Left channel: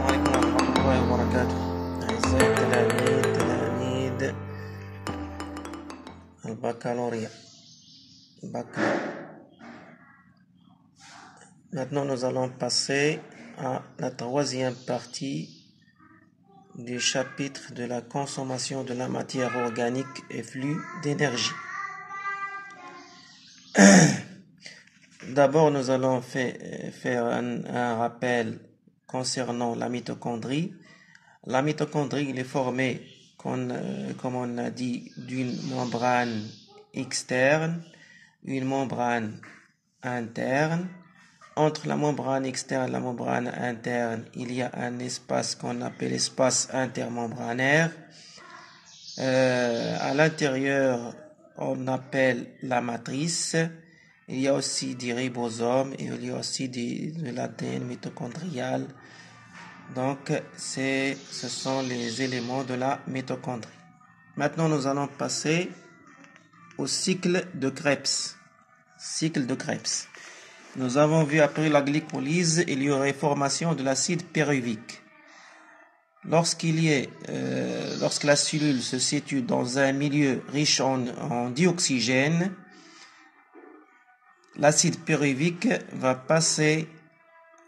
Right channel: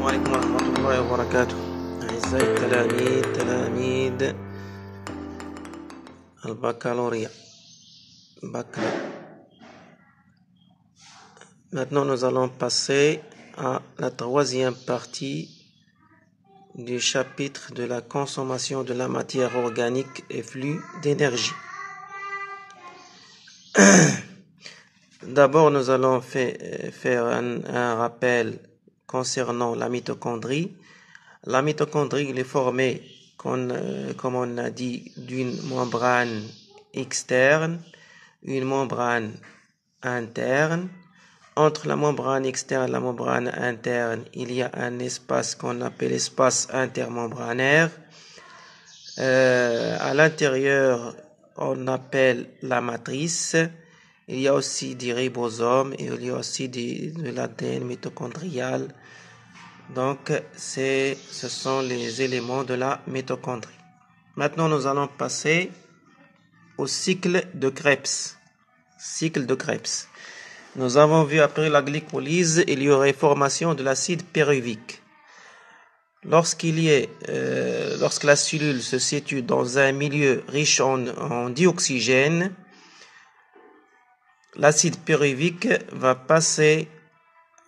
وعليكم ورحمة الله وبركاته. أعزائي تلاميذ البccalauréat. Maintenant, nous allons passer à la troisième partie du chapitre de la consommation de la matière organique et flux d'énergie. D'abord, nous allons faire un rappel concernant la mitochondrie. La mitochondrie est formée, comme on a dit, d'une membrane externe, une membrane interne. Entre la membrane externe et la membrane interne, il y a un espace qu'on appelle espace intermembranaire. À l'intérieur, on appelle la matrice. Il y a aussi des ribosomes et il y a aussi de l'ADN mitochondrial. Donc, ce sont les éléments de la mitochondrie. Maintenant, nous allons passer au cycle de Krebs. Cycle de Krebs. Nous avons vu après la glycolyse, il y aurait formation de l'acide pyruvique. Lorsque la cellule se situe dans un milieu riche en dioxygène, l'acide pyruvique va passer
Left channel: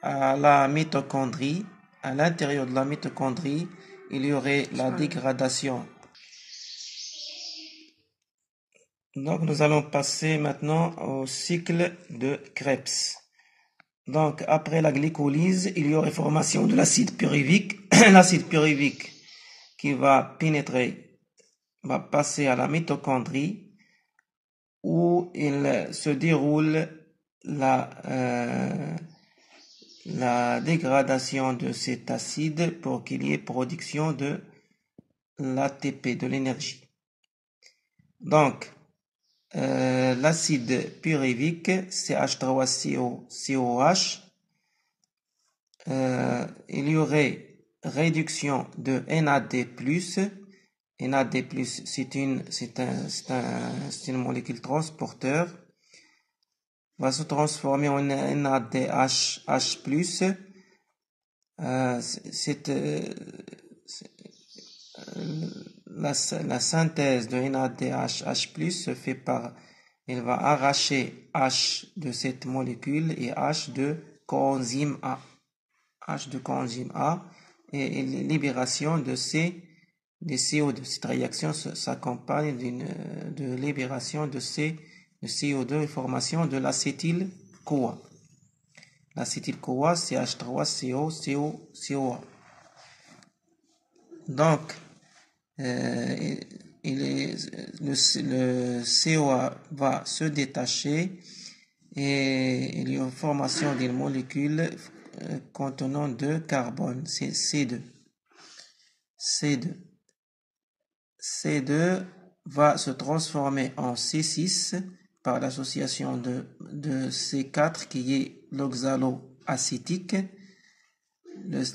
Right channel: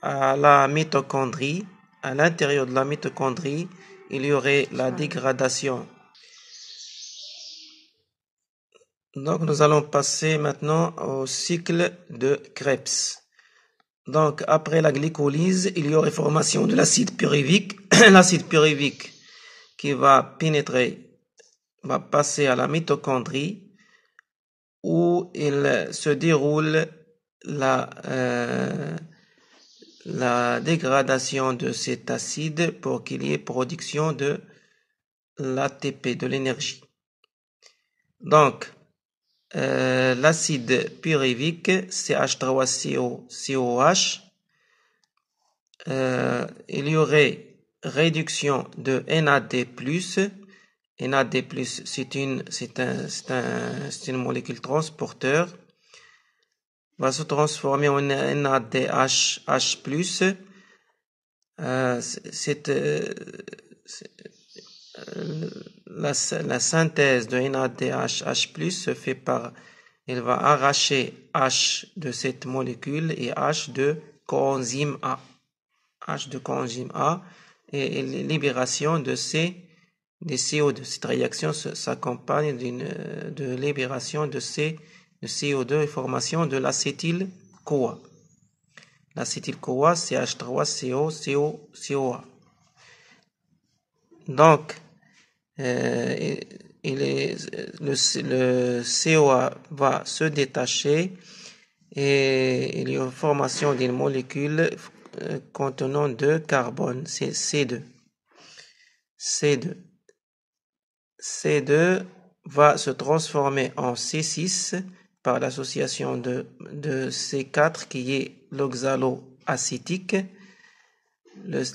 à la mitochondrie. À l'intérieur de la mitochondrie, il y aurait la dégradation. Donc, nous allons passer maintenant au cycle de Krebs. Donc, après la glycolyse, il y aurait formation de l'acide pyruvique. L'acide pyruvique qui va pénétrer, va passer à la mitochondrie où il se déroule la dégradation de cet acide pour qu'il y ait production de l'ATP, de l'énergie. Donc, l'acide pyruvique, CH3COCOH, il y aurait réduction de NAD+. NAD+, c'est une molécule transporteur, va se transformer en NADH+. La synthèse de NADH+ se fait par, elle va arracher H de cette molécule et H de coenzyme A. H de coenzyme A et libération de CO2. Cette réaction s'accompagne de libération de CO2 et formation de l'acétyl-CoA. L'acétyl-CoA, CH3COCOA. Donc, le COA va se détacher et il y a une formation d'une molécule contenant de carbone, c'est C2. C2 va se transformer en C6 par l'association de C4 qui est l'oxaloacétique,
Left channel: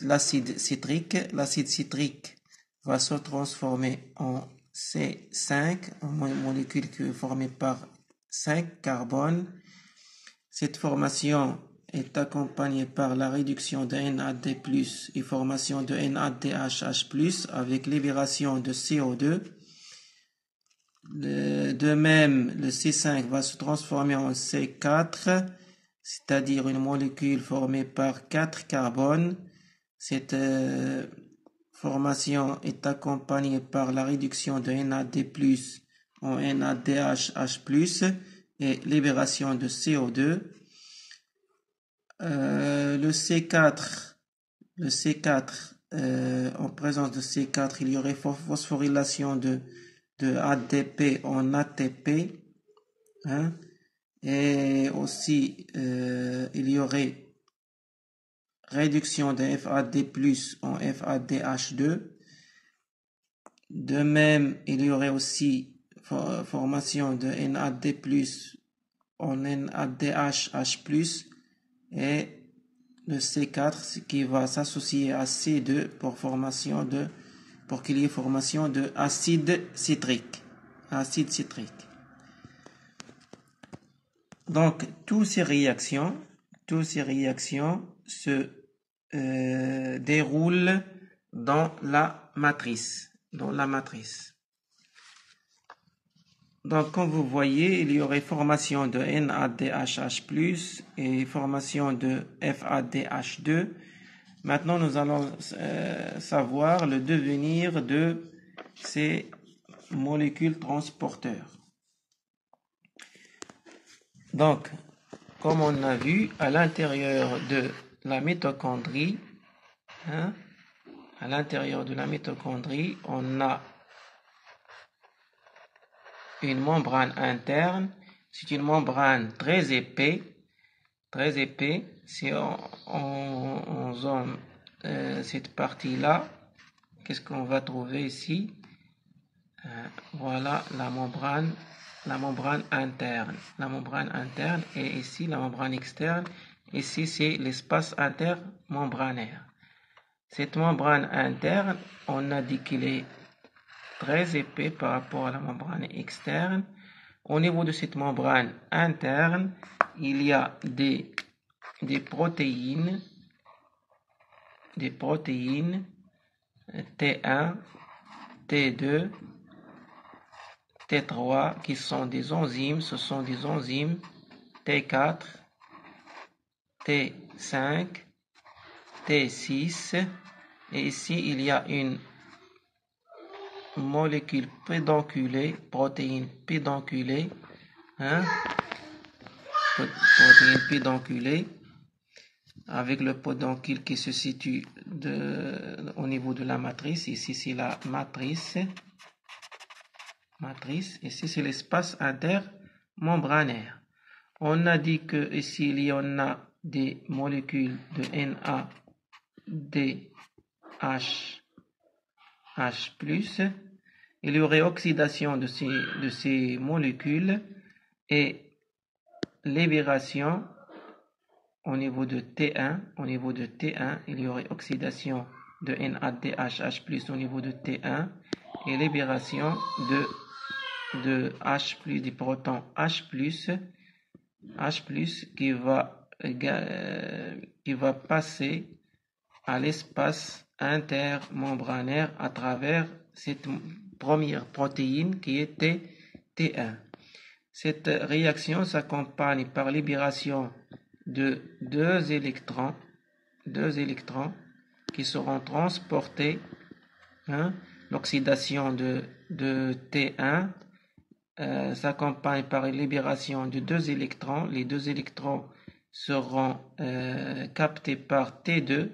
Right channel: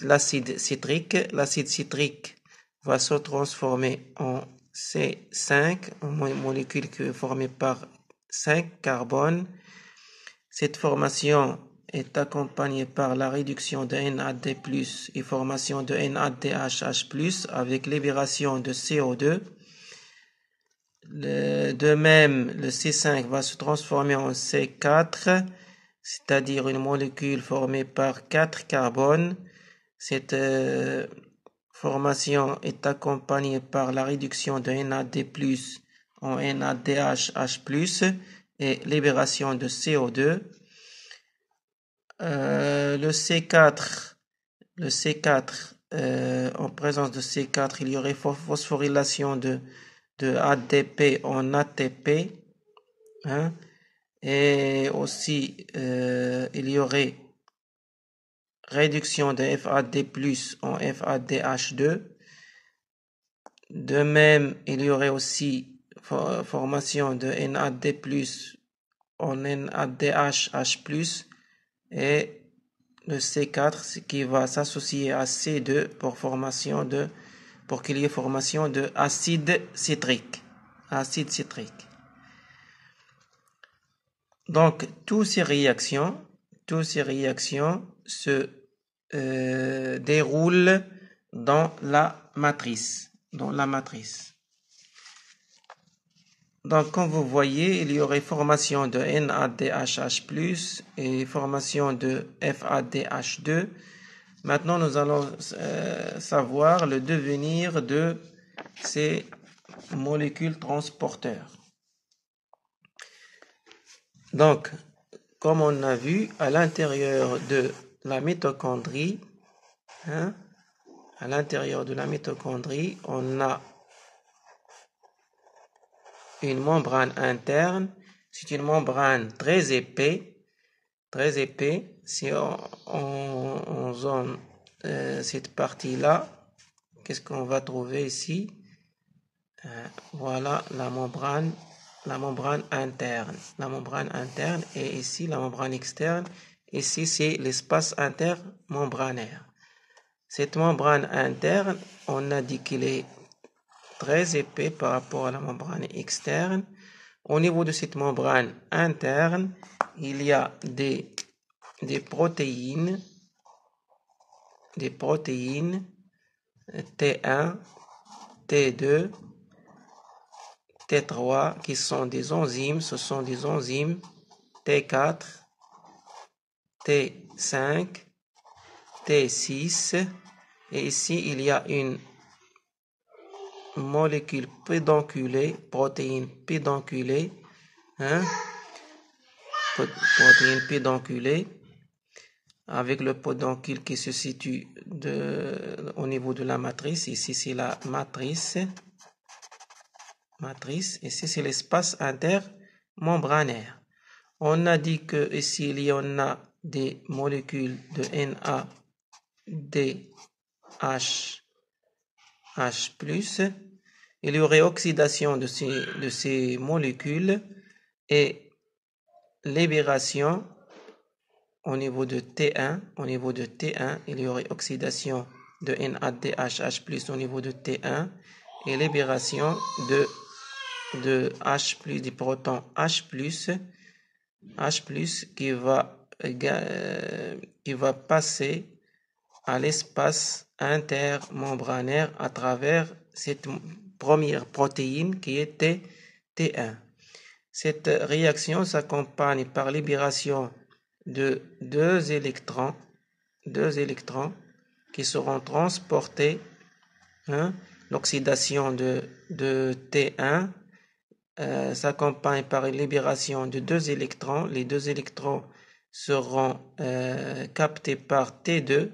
l'acide citrique. L'acide citrique va se transformer en C5, une molécule formée par 5 carbones. Cette formation est accompagnée par la réduction de NAD+ et formation de NADH+ avec libération de CO2. De même, le C5 va se transformer en C4, c'est-à-dire une molécule formée par 4 carbones. Cette formation est accompagnée par la réduction de NAD+ en NADH+ et libération de CO2. Le C4, en présence de C4, il y aurait phosphorylation de ADP en ATP, et aussi il y aurait réduction de FAD+ en FADH2. De même, il y aurait aussi formation de NAD+ en NADH+, et le C4 qui va s'associer à C2 pour qu'il y ait formation de acide citrique. Donc, toutes ces réactions toutes ces réactions se déroulent dans la matrice. Donc, comme vous voyez, il y aurait formation de NADHH+, et formation de FADH2. Maintenant, nous allons savoir le devenir de ces molécules transporteurs. Donc, comme on a vu, à l'intérieur de la mitochondrie, on a une membrane interne. C'est une membrane très épais. Si on zone cette partie-là, qu'est-ce qu'on va trouver ici? Voilà la membrane interne. La membrane interne, et ici la membrane externe. Ici, c'est l'espace intermembranaire. Cette membrane interne, on a dit qu'il est très épais par rapport à la membrane externe. Au niveau de cette membrane interne, il y a des protéines T1, T2, T3 qui sont des enzymes. Ce sont des enzymes T4, T5, T6. Et ici, il y a une molécule pédonculée, protéine pédonculée, protéine pédonculée, avec le pédoncule qui se situe au niveau de la matrice. Ici, c'est la matrice. Ici, c'est l'espace intermembranaire. On a dit que ici, il y en a des molécules de NADH+. Il y aurait oxydation de ces molécules et libération au niveau de T1. Il y aurait oxydation de NADH+ au niveau de T1 et libération de H+, du proton H+, qui va passer à l'espace intermembranaire à travers cette première protéine qui était T1. Cette réaction s'accompagne par libération de deux électrons qui seront transportés. L'oxydation de T1 s'accompagne par une libération de deux électrons. Les deux électrons seront captés par T2,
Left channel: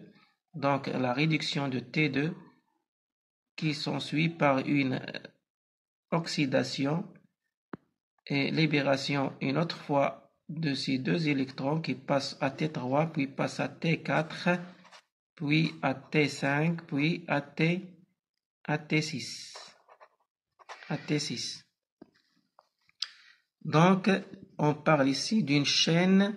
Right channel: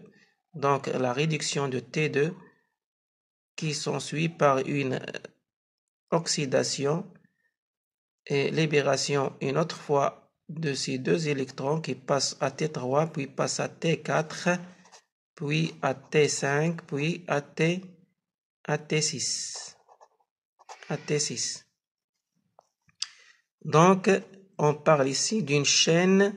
donc la réduction de T2 qui s'ensuit par une oxydation et libération une autre fois de ces deux électrons qui passent à T3, puis passent à T4, puis à T5, puis à T6. Donc, on parle ici d'une chaîne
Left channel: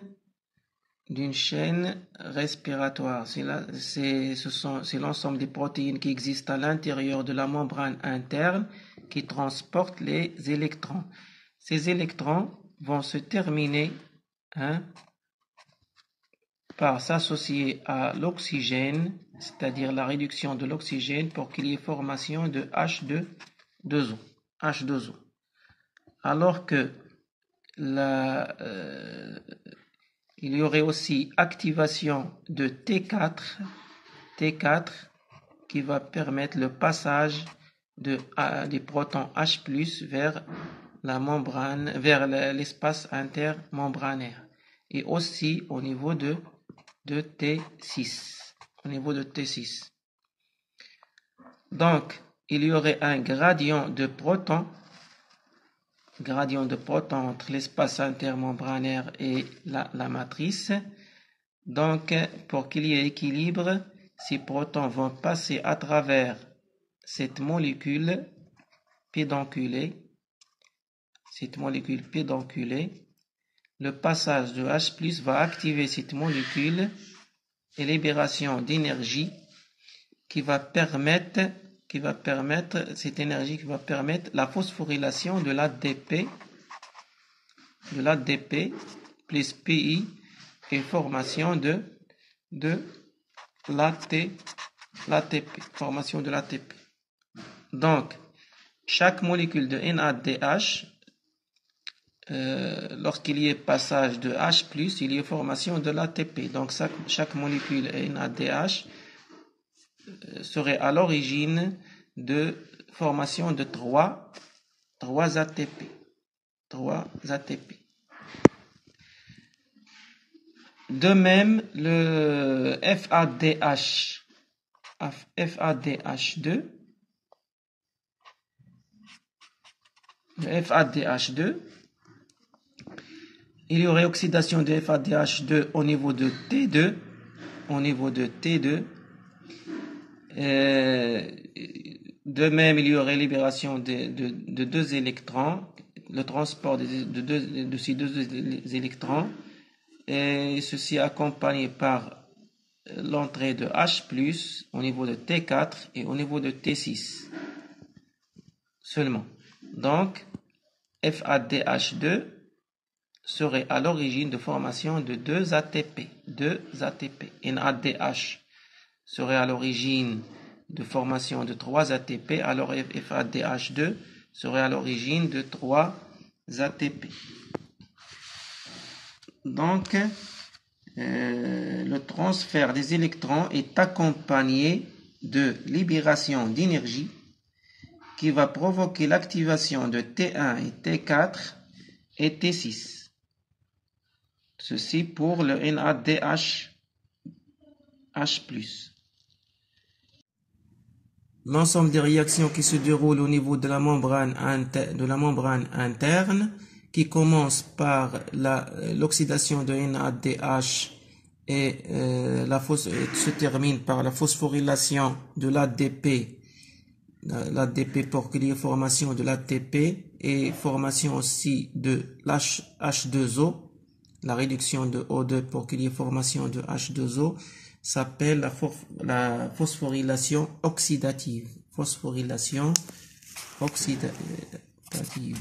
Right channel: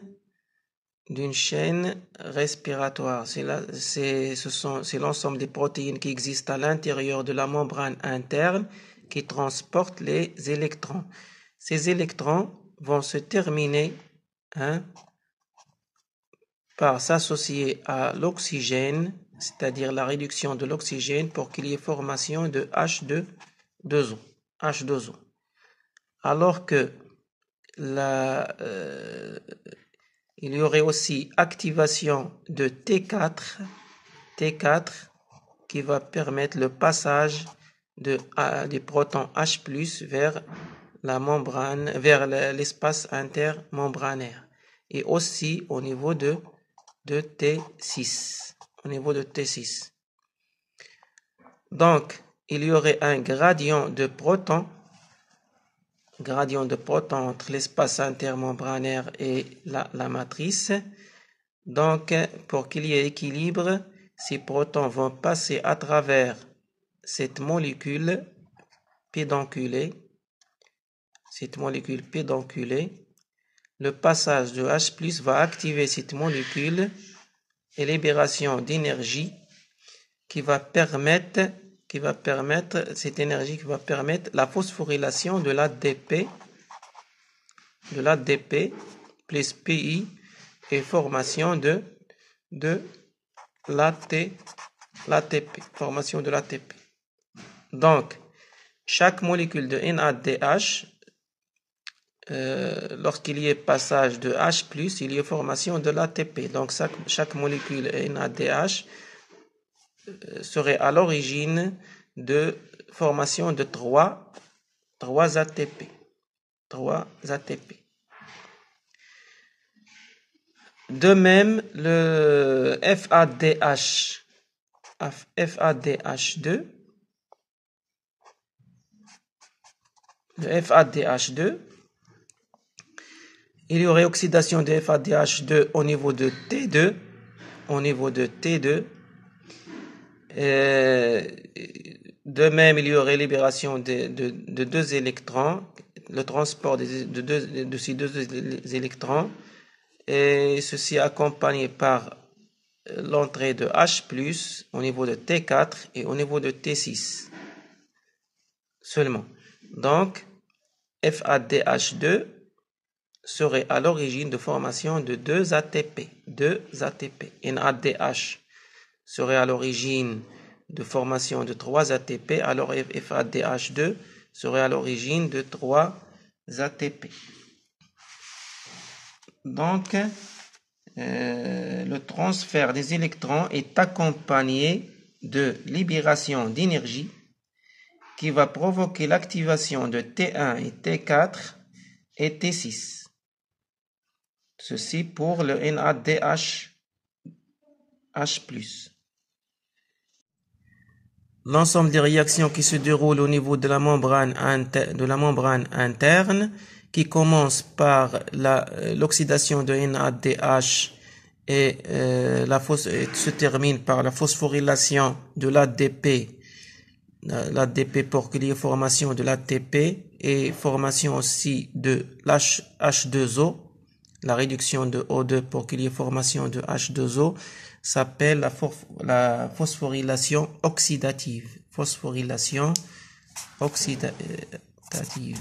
respiratoire. C'est l'ensemble des protéines qui existent à l'intérieur de la membrane interne qui transportent les électrons. Ces électrons vont se terminer par s'associer à l'oxygène, c'est-à-dire la réduction de l'oxygène pour qu'il y ait formation de H2O. Alors que il y aurait aussi activation de T4 qui va permettre le passage des protons H+ vers la membrane, vers l'espace intermembranaire, et aussi au niveau de T6. Donc, il y aurait un gradient de protons entre l'espace intermembranaire et la matrice. Donc, pour qu'il y ait équilibre, ces protons vont passer à travers cette molécule pédonculée. Le passage de H+ va activer cette molécule et libération d'énergie qui va permettre la phosphorylation de l'ADP plus PI et formation de l'ATP. Formation de l'ATP. Donc, chaque molécule de NADH, lorsqu'il y ait passage de H+, il y a formation de l'ATP. Donc, chaque molécule NADH serait à l'origine de formation de 3 ATP. 3 ATP. De même, le FADH2, il y aurait oxydation de FADH2 au niveau de T2, de même, il y aurait libération de 2 électrons, le transport de ces 2 électrons, et ceci accompagné par l'entrée de H+, au niveau de T4 et au niveau de T6 seulement. Donc, FADH2 serait à l'origine de formation de 2 ATP. NADH serait à l'origine de formation de 3 ATP, alors FADH2 serait à l'origine de 3 ATP. Donc, le transfert des électrons est accompagné de libération d'énergie qui va provoquer l'activation de T1 et T4 et T6. Ceci pour le NADH+. L'ensemble des réactions qui se déroulent au niveau de la membrane interne, qui commence par l'oxydation de NADH et se termine par la phosphorylation de l'ADP pour qu'il y ait formation de l'ATP et formation aussi de H2O, la réduction de O2 pour qu'il y ait formation de H2O, s'appelle la phosphorylation oxydative. Phosphorylation oxydative.